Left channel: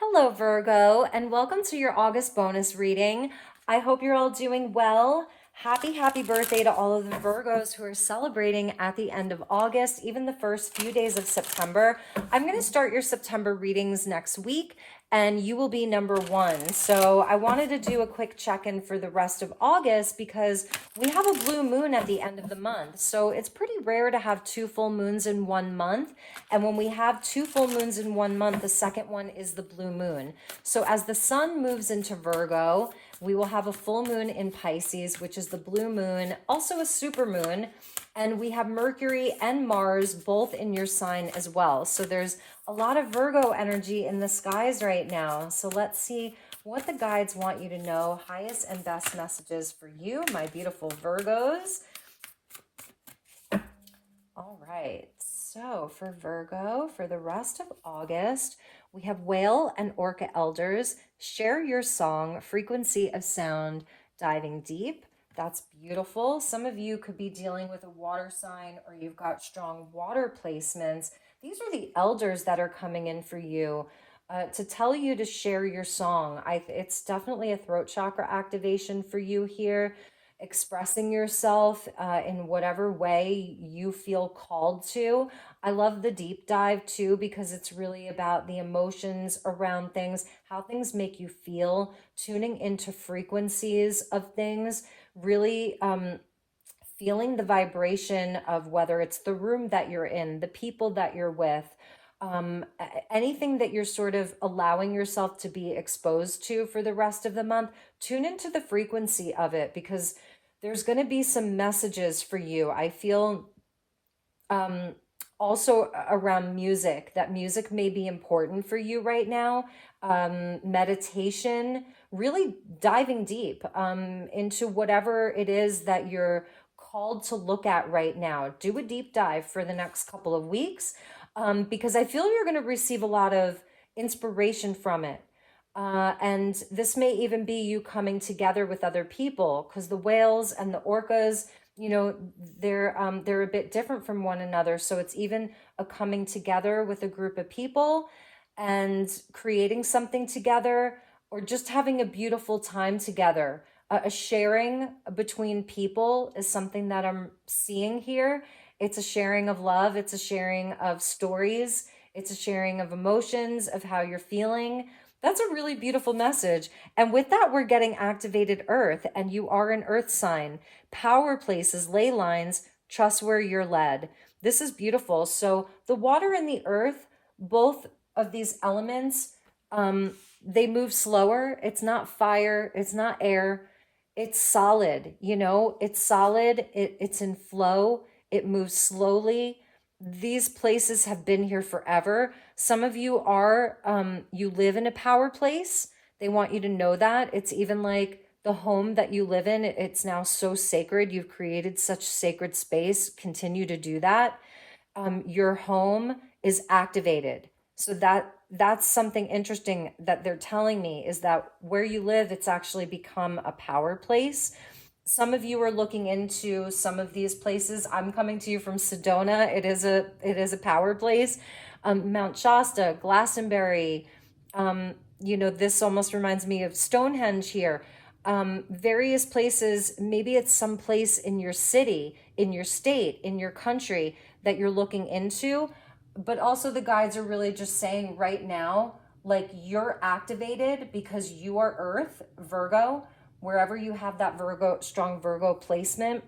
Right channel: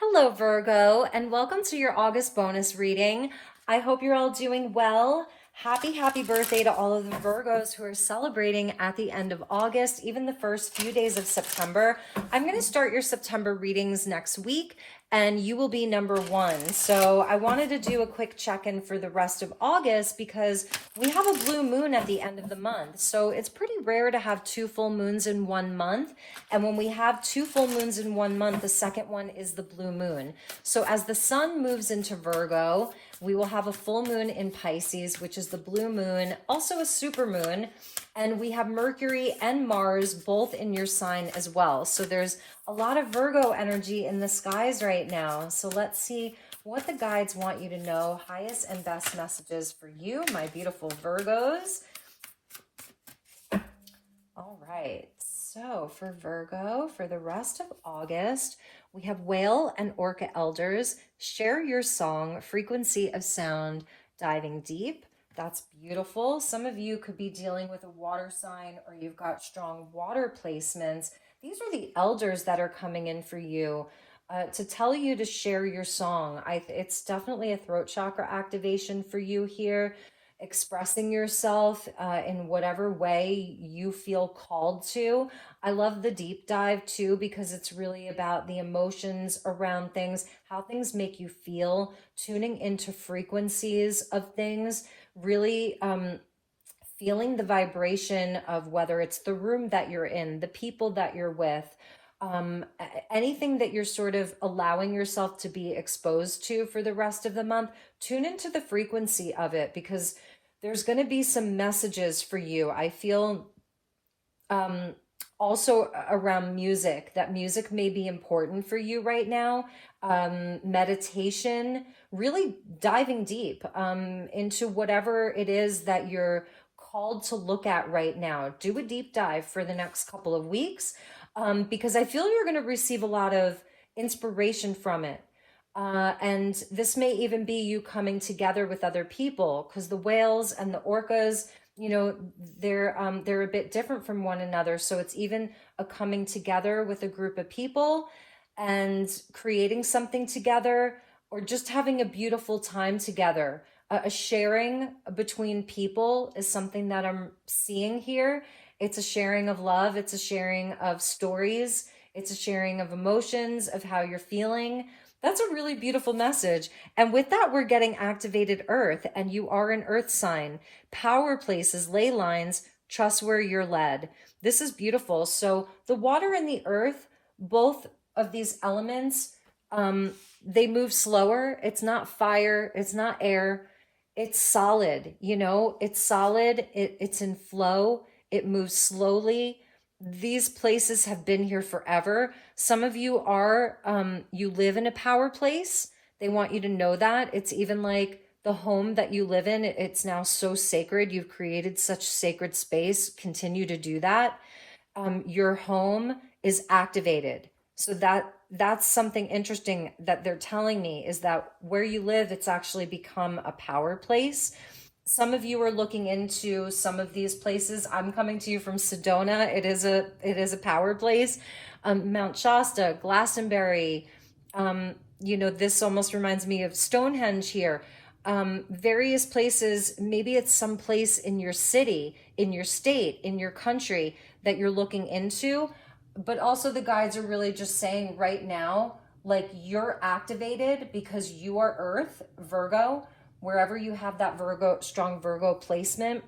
Hello, Virgo, and welcome to your August bonus reading. I hope you're all doing well. Happy birthday to all of the Virgos who are celebrating at the end of August, even the first few days of September. I'm going to start your September readings next week, and you will be number one. So I wanted to do a quick check-in for the rest of August because we have a blue moon at the end of the month. So it's pretty rare to have two full moons in one month. And when we have two full moons in one month, the second one is the blue moon. So as the sun moves into Virgo, we will have a full moon in Pisces, which is the blue moon, also a super moon. And we have Mercury and Mars both in your sign as well. So there's a lot of Virgo energy in the skies right now. So let's see what the guides want you to know. Highest and best messages for you, my beautiful Virgos. All right. So for Virgo, for the rest of August, we have Whale and Orca Elders. Share your song, frequency of sound, diving deep. That's beautiful. Some of you could be dealing with a water sign or you've got strong water placements. These are the elders that are coming in for you to tell you to share your song. It's definitely a throat chakra activation for you here. Expressing yourself in whatever way you feel called to. I love the deep dive too, because it's really about the emotions around things, how things make you feel, tuning into frequencies of things, really feeling the vibration of whether it's the room that you're in, the people that you're with, anything that you're sort of allowing yourself to be exposed to for the rest of the month. Tune into the frequency of it because there's going to be some messages for you. I feel also around music, that music may be important for you right now. Meditation, really diving deep into whatever it is that you're called to look at right now. Do a deep dive for the next couple of weeks because I feel you're going to receive a lot of inspiration from it. And this may even be you coming together with other people because the whales and the orcas, you know, they're a bit different from one another. So it's even a coming together with a group of people and creating something together or just having a beautiful time together. A sharing between people is something that I'm seeing here. It's a sharing of love. It's a sharing of stories. It's a sharing of emotions, of how you're feeling. That's a really beautiful message. And with that, we're getting activated earth, and you are an earth sign. Power places, ley lines, trust where you're led. This is beautiful. So the water and the earth, both of these elements, they move slower. It's not fire. It's not air. It's solid, it's solid. It's in flow. It moves slowly. These places have been here forever. Some of you you live in a power place. They want you to know that. It's even like the home that you live in, it's now so sacred. You've created such sacred space. Continue to do that. Your home is activated. So that's something interesting that they're telling me is that where you live, it's actually become a power place. Some of you are looking into some of these places. I'm coming to you from Sedona. It is a power place. Mount Shasta, Glastonbury. This almost reminds me of Stonehenge here. Various places. Maybe it's some place in your city, in your state, in your country that you're looking into. But also the guides are really just saying right now, like you're activated because you are Earth, Virgo. Wherever you have that strong Virgo placement,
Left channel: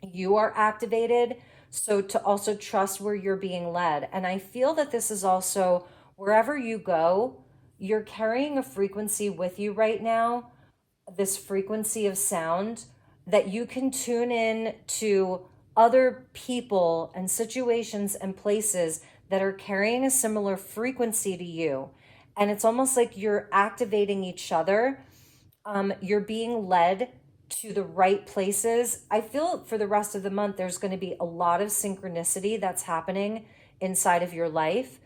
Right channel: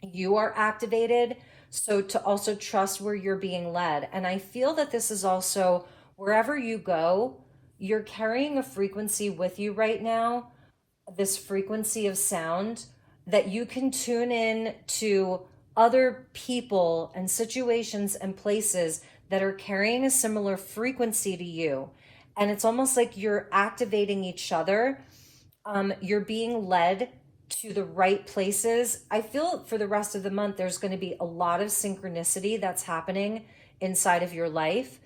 you are activated. So to also trust where you're being led. And I feel that this is also wherever you go, you're carrying a frequency with you right now, this frequency of sound that you can tune in to other people and situations and places that are carrying a similar frequency to you. And it's almost like you're activating each other. You're being led to the right places. I feel for the rest of the month, there's going to be a lot of synchronicity that's happening inside of your life.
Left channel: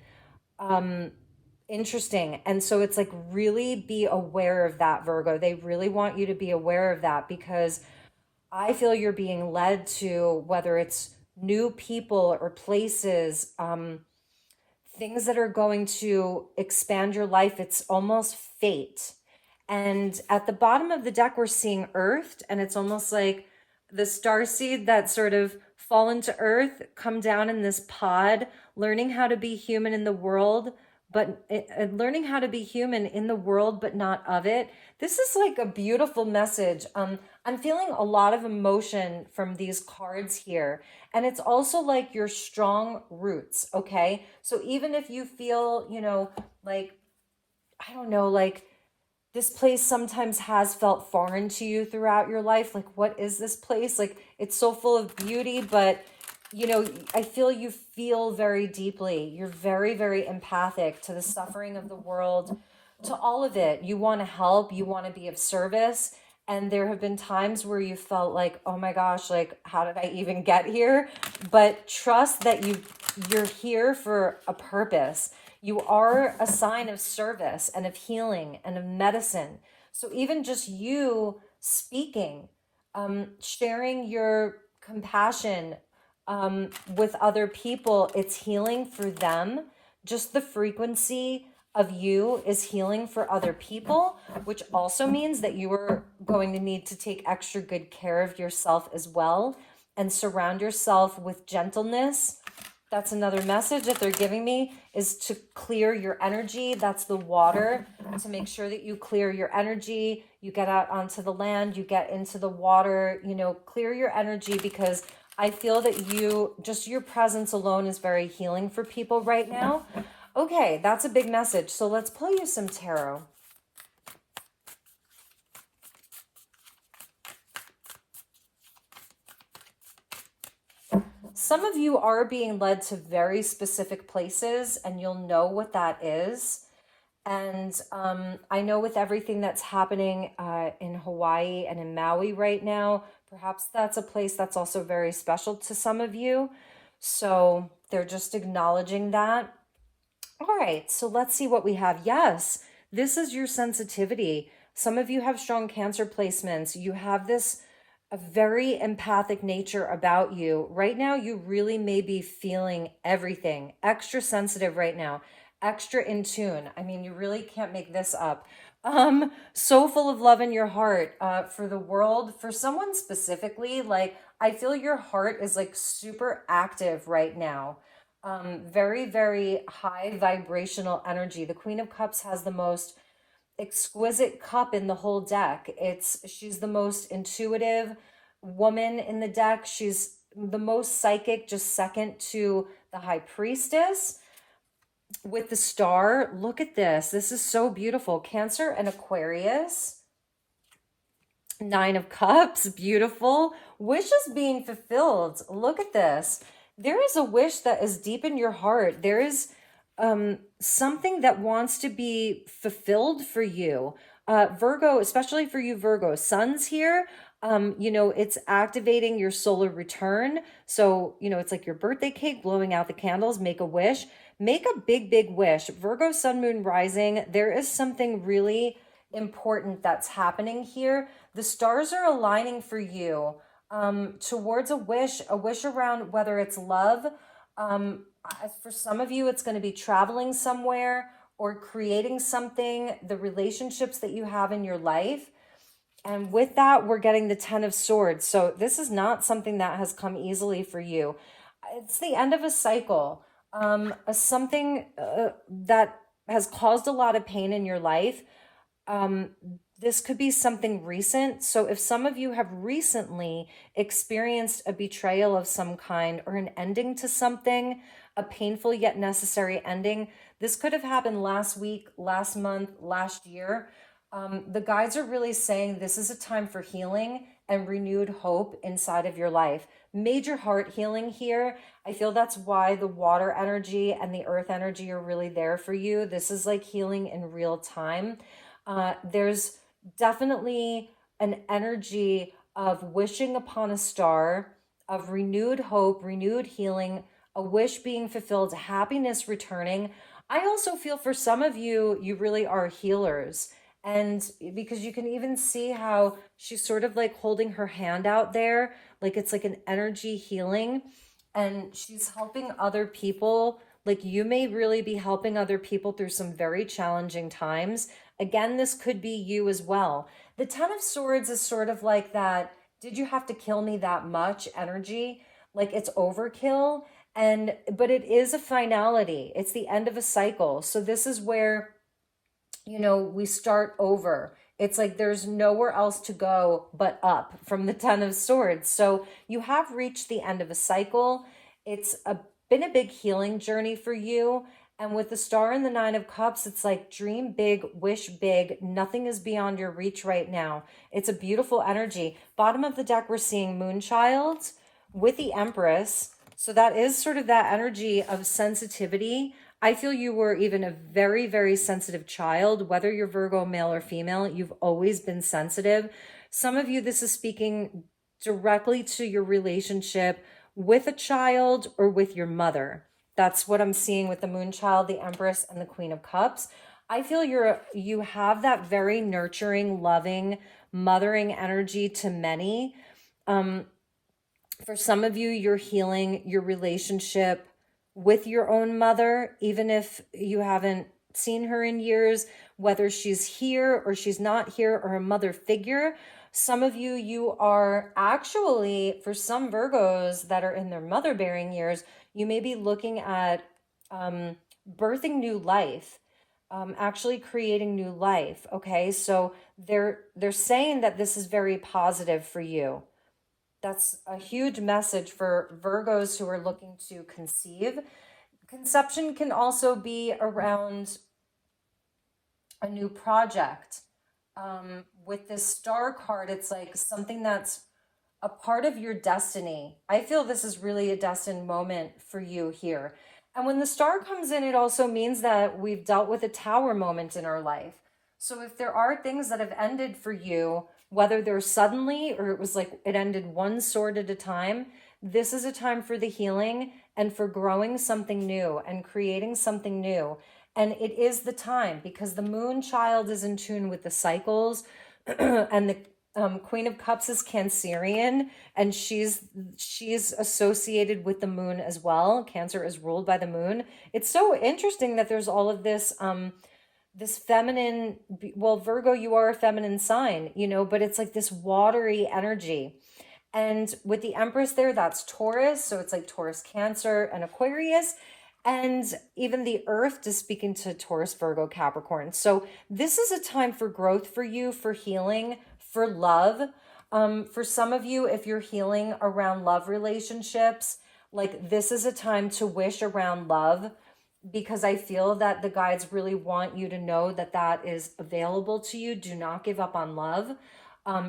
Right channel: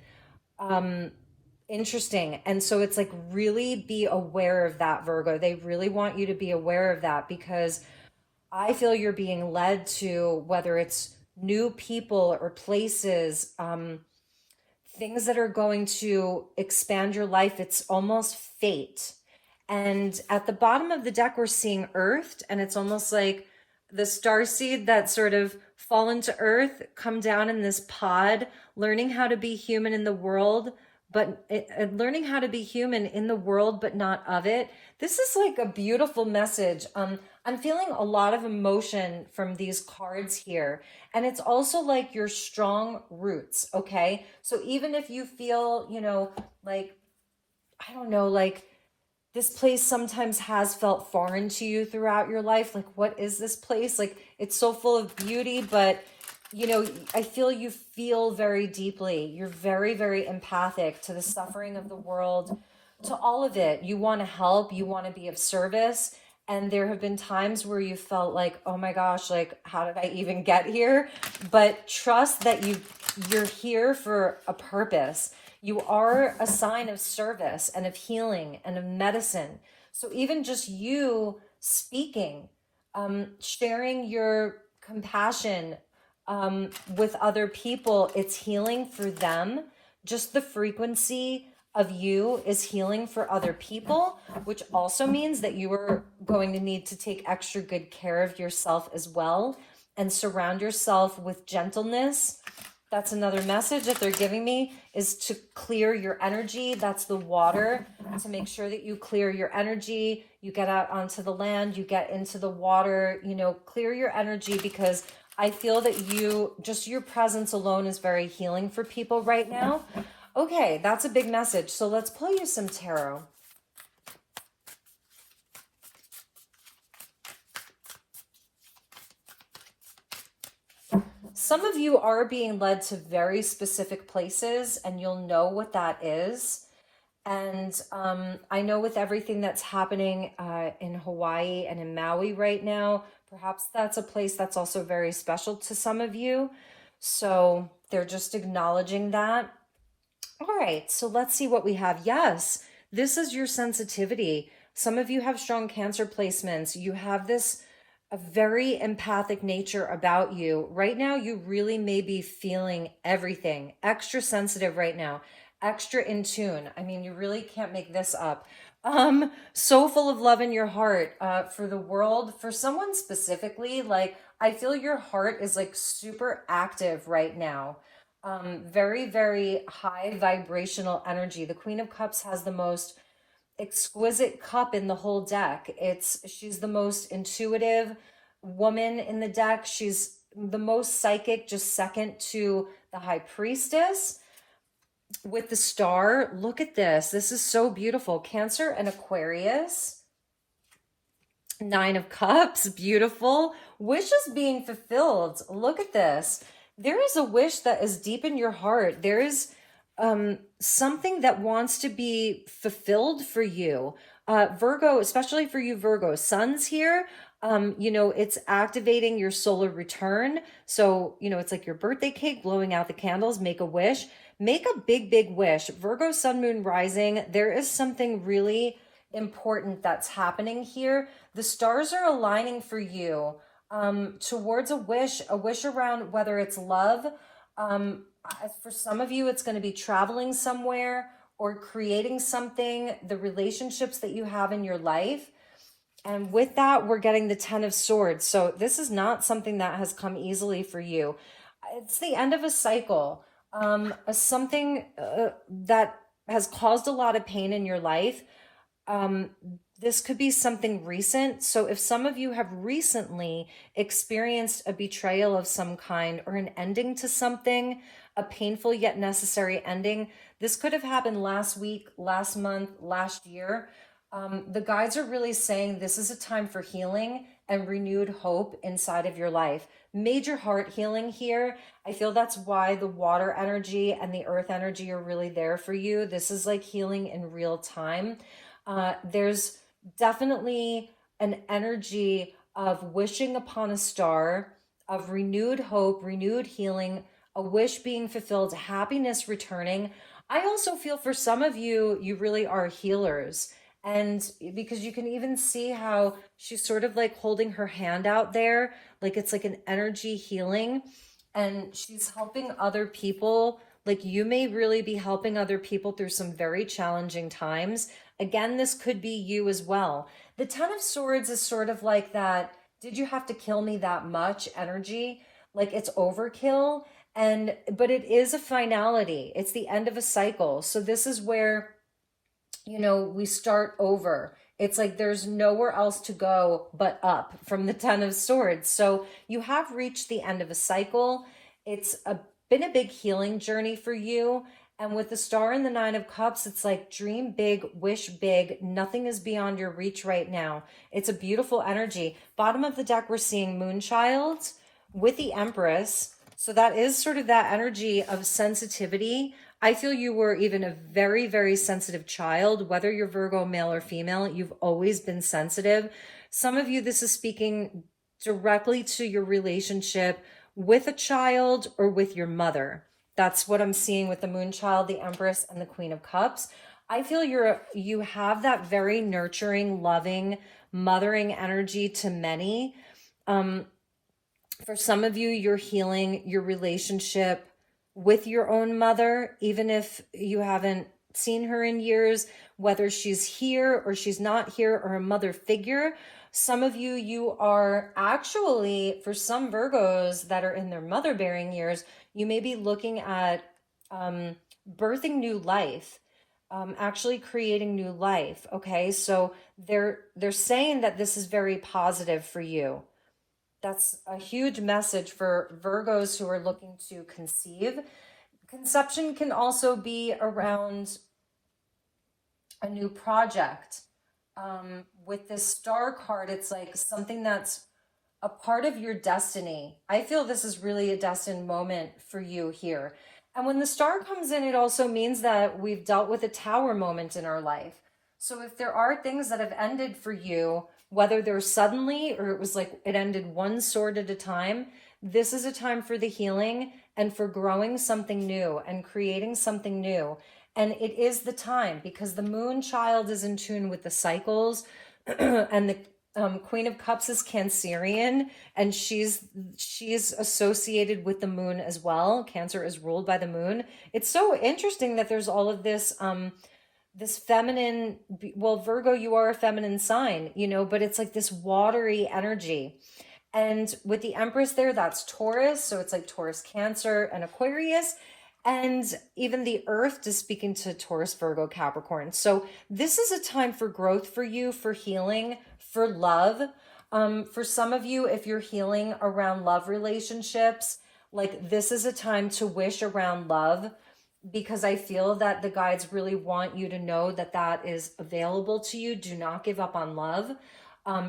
Interesting. And so it's like really be aware of that, Virgo. They really want you to be aware of that because I feel you're being led to whether it's new people or places, things that are going to expand your life. It's almost fate. And at the bottom of the deck, we're seeing earthed, and it's almost like the starseed that sort of fall into earth, come down in this pod, learning how to be human in the world, but learning how to be human in the world, but not of it. This is like a beautiful message. I'm feeling a lot of emotion from these cards here. And it's also like your strong roots, okay? So even if you feel, like, I don't know, like this place sometimes has felt foreign to you throughout your life. Like, what is this place? Like, it's so full of beauty, but I feel you feel very deeply. You're very, very empathic to the suffering of the world, to all of it. You want to help, you want to be of service. And there have been times where you felt like, oh my gosh, like, how did I even get here? But trust that you're here for a purpose. You are a sign of service and of healing and of medicine. So even just you speaking, sharing your compassion with other people, it's healing for them. Just the frequency of you is healing for other people, which also means that you are going to need to take extra good care of yourself as well and surround yourself with gentleness. That's another message that they're giving me, is to clear your energy. That's the water, to make sure that you clear your energy. You get out onto the land, you get into the water, clear your energy, because I feel that your presence alone is very healing for people right now. Okay, that's a big message. So let's pull you some tarot. Some of you are being led to very specific places, and you'll know what that is. And I know with everything that's happening in Hawaii and in Maui right now, perhaps that's a place that's also very special to some of you. So they're just acknowledging that. All right, so let's see what we have. Yes, this is your sensitivity. Some of you have strong Cancer placements. You have this a very empathic nature about you. Right now, you really may be feeling everything, extra sensitive right now, extra in tune. I mean, you really can't make this up. So full of love in your heart for the world, for someone specifically. Like, I feel your heart is like super active right now. Very, very high vibrational energy. The Queen of Cups has the most exquisite cup in the whole deck. She's the most intuitive woman in the deck. She's the most psychic, just second to the High Priestess. With the star, look at this. This is so beautiful. Cancer and Aquarius. Nine of Cups, beautiful. Wishes being fulfilled. Look at this. There is a wish that is deep in your heart. There is something that wants to be fulfilled for you. Virgo, especially for you Virgo, Sun's here. It's activating your solar return. So, it's like your birthday cake, blowing out the candles, make a wish. Make a big, big wish. Virgo, Sun, Moon, Rising. There is something really important that's happening here. The stars are aligning for you towards a wish around, whether it's love. For some of you, it's going to be traveling somewhere or creating something, the relationships that you have in your life. And with that, we're getting the 10 of Swords. So this is not something that has come easily for you. It's the end of a cycle, something that has caused a lot of pain in your life. This could be something recent. So if some of you have recently experienced a betrayal of some kind or an ending to something, a painful yet necessary ending, this could have happened last week, last month, last year. The guides are really saying this is a time for healing and renewed hope inside of your life. Major heart healing here. I feel that's why the water energy and the earth energy are really there for you. This is like healing in real time. There's definitely an energy of wishing upon a star, of renewed hope, renewed healing, a wish being fulfilled, happiness returning. I also feel for some of you, you really are healers. And because you can even see how she's sort of like holding her hand out there, like it's like an energy healing, and she's helping other people Like you may really be helping other people through some very challenging times. Again, this could be you as well. The Ten of Swords is sort of like that, did you have to kill me that much energy? Like it's overkill. But it is a finality. It's the end of a cycle. So this is where, we start over. It's like there's nowhere else to go but up from the Ten of Swords. So you have reached the end of a cycle. Been a big healing journey for you. And with the Star and the Nine of Cups, it's like dream big, wish big. Nothing is beyond your reach right now. It's a beautiful energy. Bottom of the deck, we're seeing Moonchild with the Empress. So that is sort of that energy of sensitivity. I feel you were even a very, very sensitive child, whether you're Virgo, male or female, you've always been sensitive. Some of you, this is speaking directly to your relationship with a child or with your mother. That's what I'm seeing with the Moonchild, the Empress, and the Queen of Cups. I feel you have that very nurturing, loving, mothering energy to many. For some of you, you're healing your relationship with your own mother, even if you haven't seen her in years, whether she's here or she's not here, or a mother figure. Some of you, you are actually, for some Virgos that are in their mother-bearing years, you may be looking at birthing new life, actually creating new life. Okay, so they're saying that this is very positive for you. That's a huge message for Virgos who are looking to conceive. Conception can also be around a new project. With this Star card, it's like something that's a part of your destiny. I feel this is really a destined moment for you here. And when the Star comes in, it also means that we've dealt with a Tower moment in our life. So if there are things that have ended for you, whether they're suddenly or it was like it ended one sword at a time, this is a time for the healing and for growing something new and creating something new. And it is the time because the Moonchild is in tune with the cycles and the Queen of Cups is Cancerian, and she's associated with the moon as well. Cancer is ruled by the moon. It's so interesting that there's all of this this feminine, well, Virgo, you are a feminine sign, but it's like this watery energy. And with the Empress there, that's Taurus. So it's like Taurus, Cancer, and Aquarius. And even the Earth is speaking to Taurus, Virgo, Capricorn. So this is a time for growth for you, for healing, for love. For some of you, if you're healing around love relationships, like this is a time to wish around love, because I feel that the guides really want you to know that that is available to you. Do not give up on love.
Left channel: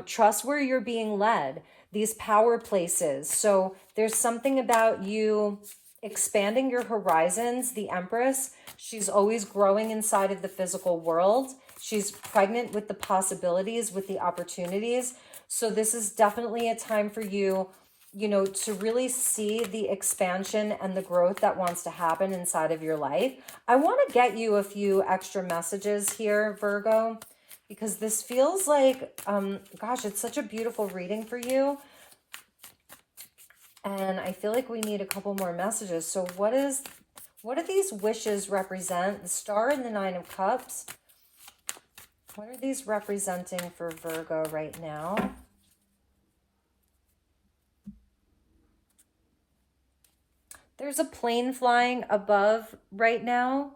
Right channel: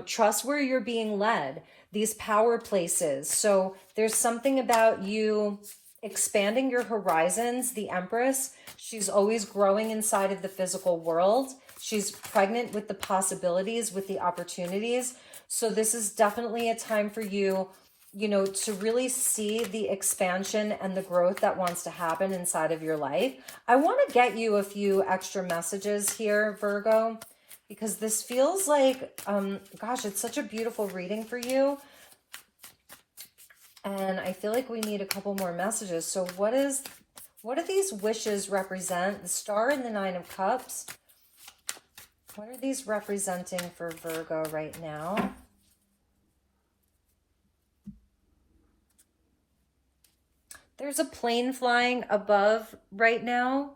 Trust where you're being led, these power places. So there's something about you expanding your horizons. The Empress, she's always growing inside of the physical world. She's pregnant with the possibilities, with the opportunities. So this is definitely a time for you, to really see the expansion and the growth that wants to happen inside of your life. I want to get you a few extra messages here, Virgo, because this feels like, gosh, it's such a beautiful reading for you. And I feel like we need a couple more messages. So what do these wishes represent? The Star and the Nine of Cups. What are these representing for Virgo right now? There's a plane flying above right now.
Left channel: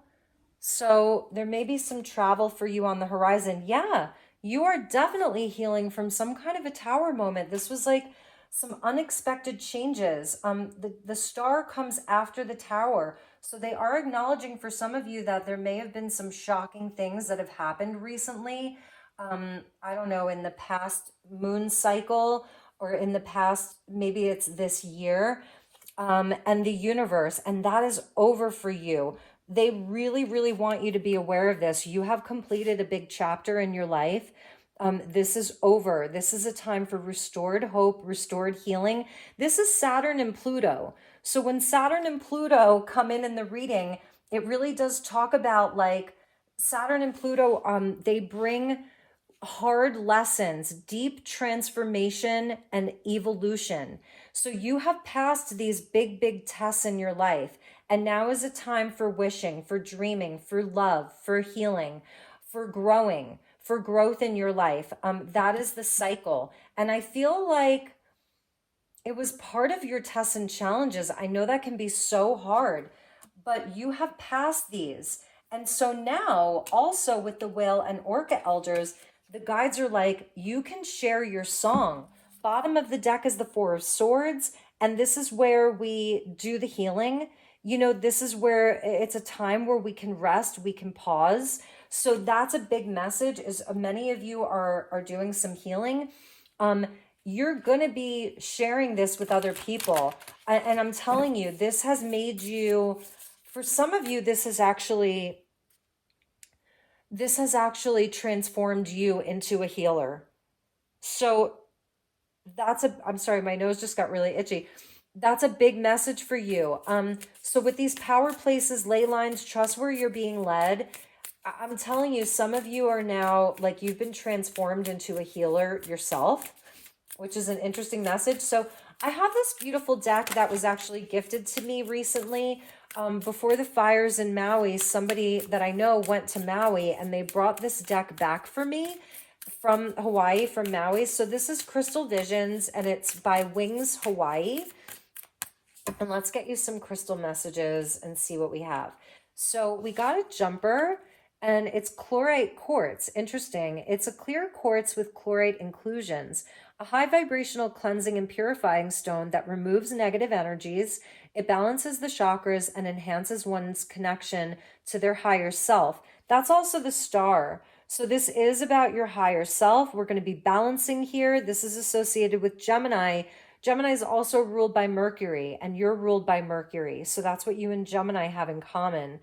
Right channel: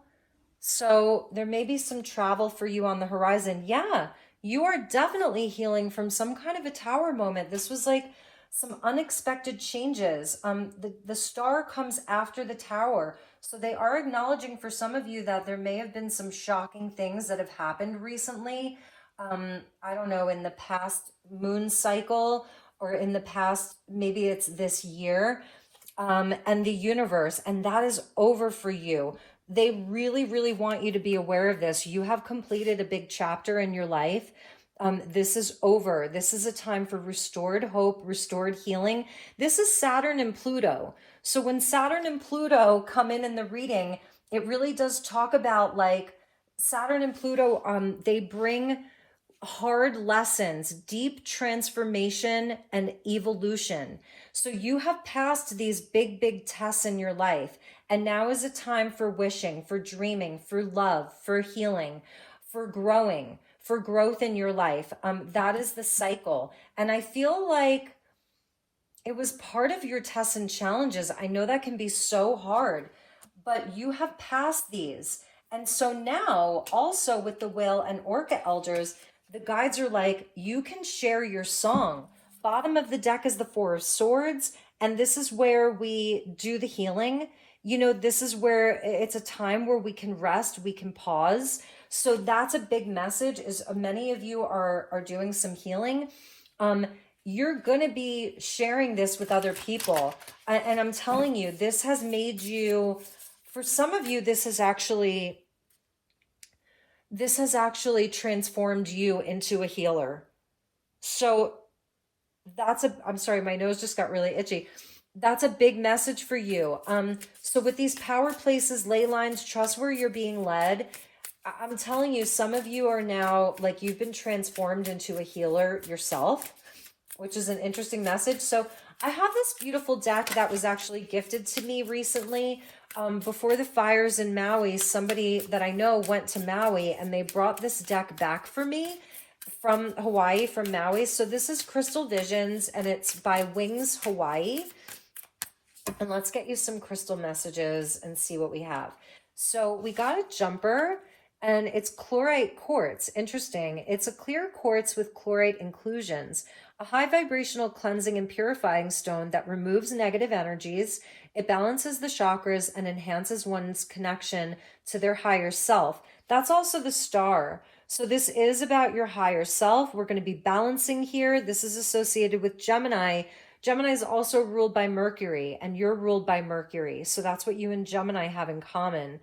So there may be some travel for you on the horizon. Yeah, you are definitely healing from some kind of a Tower moment. This was like some unexpected changes. The Star comes after the Tower. So they are acknowledging for some of you that there may have been some shocking things that have happened recently. I don't know, in the past moon cycle or in the past, maybe it's this year. And the universe, and that is over for you. They really, really want you to be aware of this. You have completed a big chapter in your life. This is over. This is a time for restored hope, restored healing. This is Saturn and Pluto. So when Saturn and Pluto come in the reading, it really does talk about like Saturn and Pluto, they bring hard lessons, deep transformation and evolution. So you have passed these big, big tests in your life. And now is a time for wishing, for dreaming, for love, for healing, for growing, for growth in your life. That is the cycle. And I feel like it was part of your tests and challenges. I know that can be so hard, but you have passed these. And so now, also with the whale and orca elders, the guides are like, you can share your song. Bottom of the deck is the Four of Swords. And this is where we do the healing. You know, this is where it's a time where we can rest, we can pause. So that's a big message, is many of you are doing some healing. You're going to be sharing this with other people. And I'm telling you, this has made you, for some of you, this has actually transformed you into a healer. So I'm sorry, my nose just got really itchy. That's a big message for you. So with these power places, ley lines, trust where you're being led. I'm telling you, some of you are now, like, you've been transformed into a healer yourself, which is an interesting message. So I have this beautiful deck that was actually gifted to me recently. Before the fires in Maui, somebody that I know went to Maui and they brought this deck back for me from Hawaii, from Maui. So this is Crystal Visions and it's by Wings Hawaii. And let's get you some crystal messages and see what we have. So we got a jumper and it's chlorite quartz. Interesting. It's a clear quartz with chlorite inclusions, a high vibrational cleansing and purifying stone that removes negative energies. It balances the chakras and enhances one's connection to their higher self. That's also the star. So this is about your higher self. We're going to be balancing here. This is associated with Gemini. Gemini is also ruled by Mercury, and you're ruled by Mercury. So that's what you and Gemini have in common.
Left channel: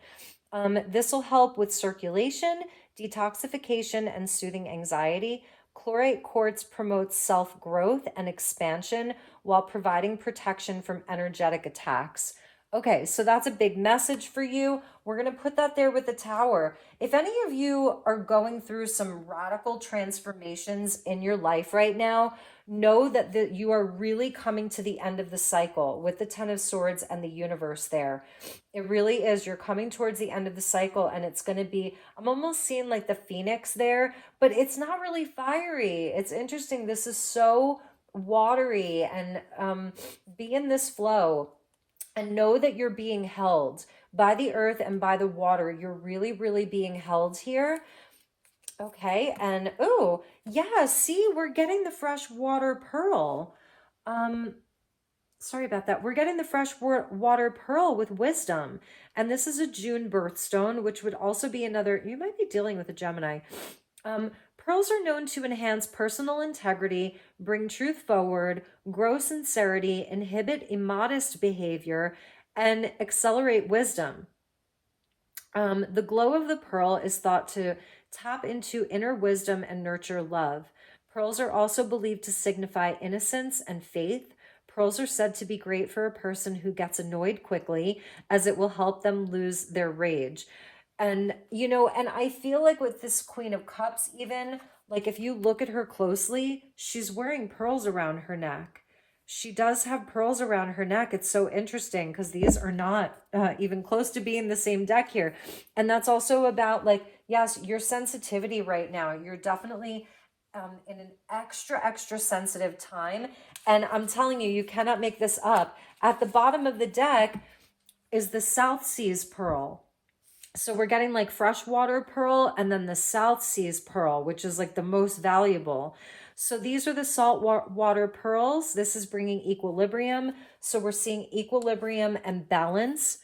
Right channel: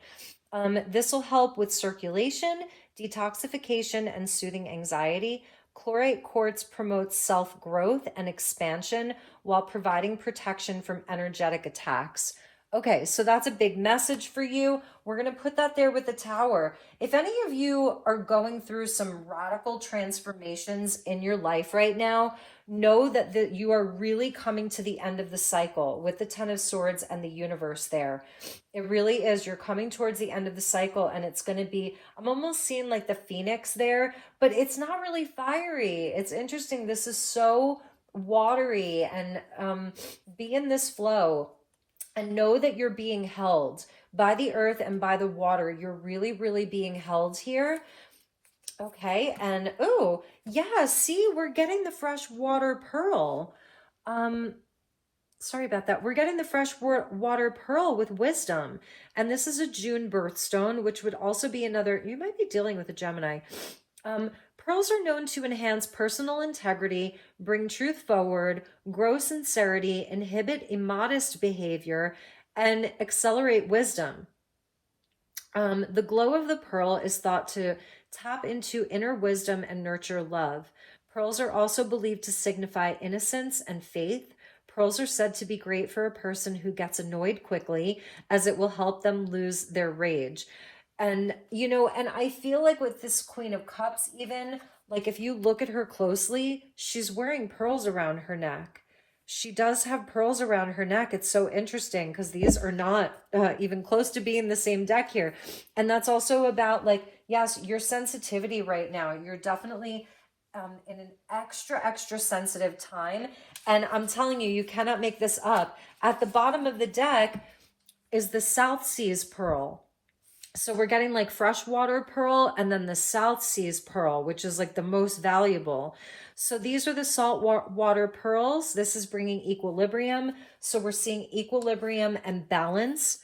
This will help with circulation, detoxification, and soothing anxiety. Chlorite quartz promotes self-growth and expansion while providing protection from energetic attacks. Okay, so that's a big message for you. We're going to put that there with the Tower. If any of you are going through some radical transformations in your life right now, know that you are really coming to the end of the cycle with the Ten of Swords and the universe there. It really is. You're coming towards the end of the cycle and it's going to be, I'm almost seeing like the phoenix there, but it's not really fiery. It's interesting. This is so watery, and be in this flow and know that you're being held by the earth and by the water. You're really, really being held here. Okay, and oh, yeah, see, we're getting the freshwater pearl. Sorry about that. We're getting the freshwater pearl with wisdom. And this is a June birthstone, which would also be another, you might be dealing with a Gemini. Pearls are known to enhance personal integrity, bring truth forward, grow sincerity, inhibit immodest behavior, and accelerate wisdom. The glow of the pearl is thought to tap into inner wisdom and nurture love. Pearls are also believed to signify innocence and faith. Pearls are said to be great for a person who gets annoyed quickly, as it will help them lose their rage. And, you know, and I feel like with this Queen of Cups, even, like if you look at her closely, she's wearing pearls around her neck. She does have pearls around her neck. It's so interesting because these are not even close to being the same deck here. And that's also about, like, yes, your sensitivity right now. You're definitely in an extra sensitive time. And I'm telling you, you cannot make this up. At the bottom of the deck is the South Seas pearl. So we're getting like freshwater pearl and then the South Seas pearl, which is like the most valuable. So these are the salt water pearls. This is bringing equilibrium. So we're seeing equilibrium and balance.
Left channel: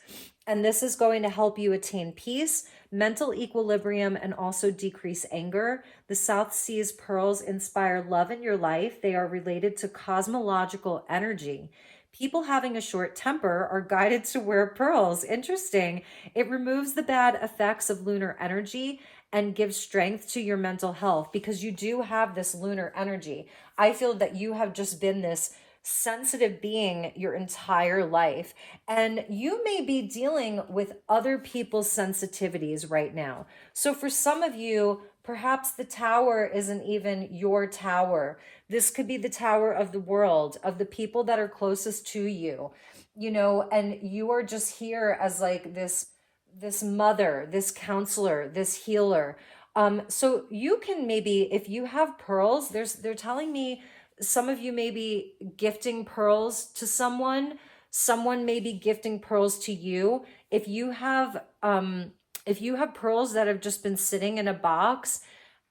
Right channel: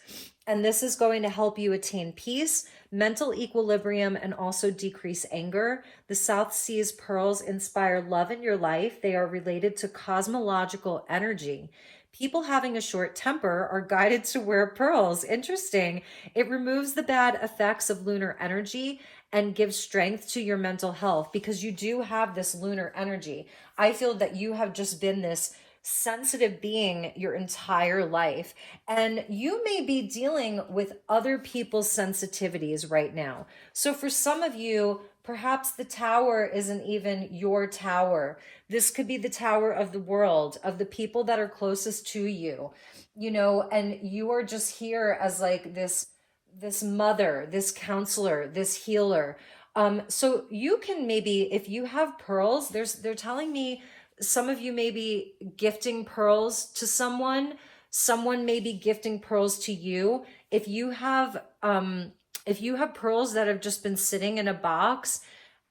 And this is going to help you attain peace, mental equilibrium, and also decrease anger. The South Seas pearls inspire love in your life. They are related to cosmological energy. People having a short temper are guided to wear pearls. Interesting. It removes the bad effects of lunar energy and gives strength to your mental health, because you do have this lunar energy. I feel that you have just been this sensitive being your entire life, and you may be dealing with other people's sensitivities right now. So for some of you, perhaps the tower isn't even your tower. This could be the tower of the world, of the people that are closest to you. you know, and you are just here as like this mother, this counselor, this healer. So you can maybe, if you have pearls, they're telling me some of you may be gifting pearls to someone, someone may be gifting pearls to you. If you have pearls that have just been sitting in a box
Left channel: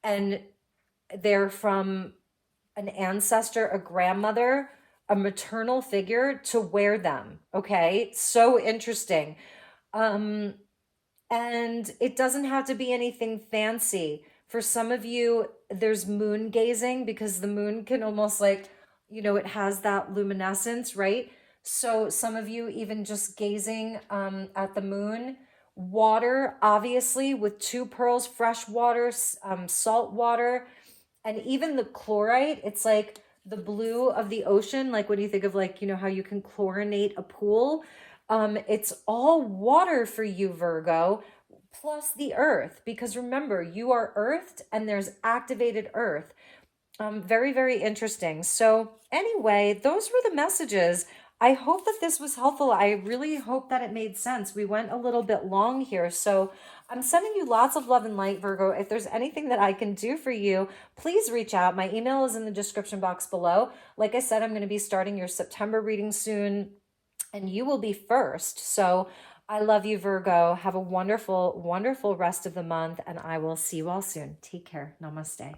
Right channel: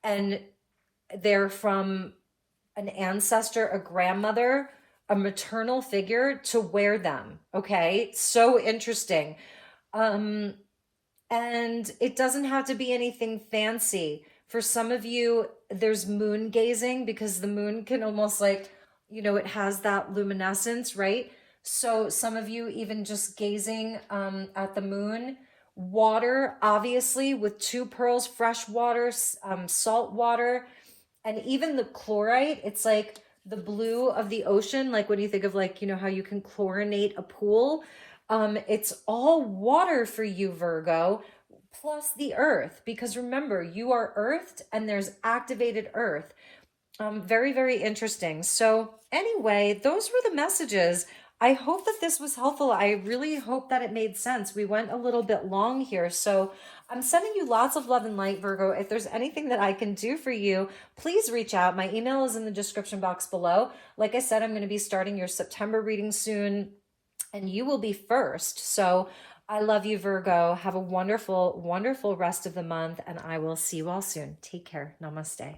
and they're from an ancestor, a grandmother, a maternal figure, to wear them. Okay. So interesting. Um, and it doesn't have to be anything fancy. For some of you, there's moon gazing because the moon can almost like, you know, it has that luminescence, right? So some of you even just gazing at the moon. Water, obviously, with two pearls, fresh water, salt water, and even the chlorite. It's like the blue of the ocean, like when you think of like, you know, how you can chlorinate a pool. It's all water for you, Virgo, plus the earth, because remember, you are earthed and there's activated earth. Very, very interesting. So anyway, those were the messages. I hope that this was helpful. I really hope that it made sense. We went a little bit long here. So I'm sending you lots of love and light, Virgo. If there's anything that I can do for you, please reach out. My email is in the description box below. Like I said, I'm going to be starting your September reading soon, and you will be first. So I love you, Virgo. Have a wonderful, wonderful rest of the month, and I will see you all soon. Take care. Namaste.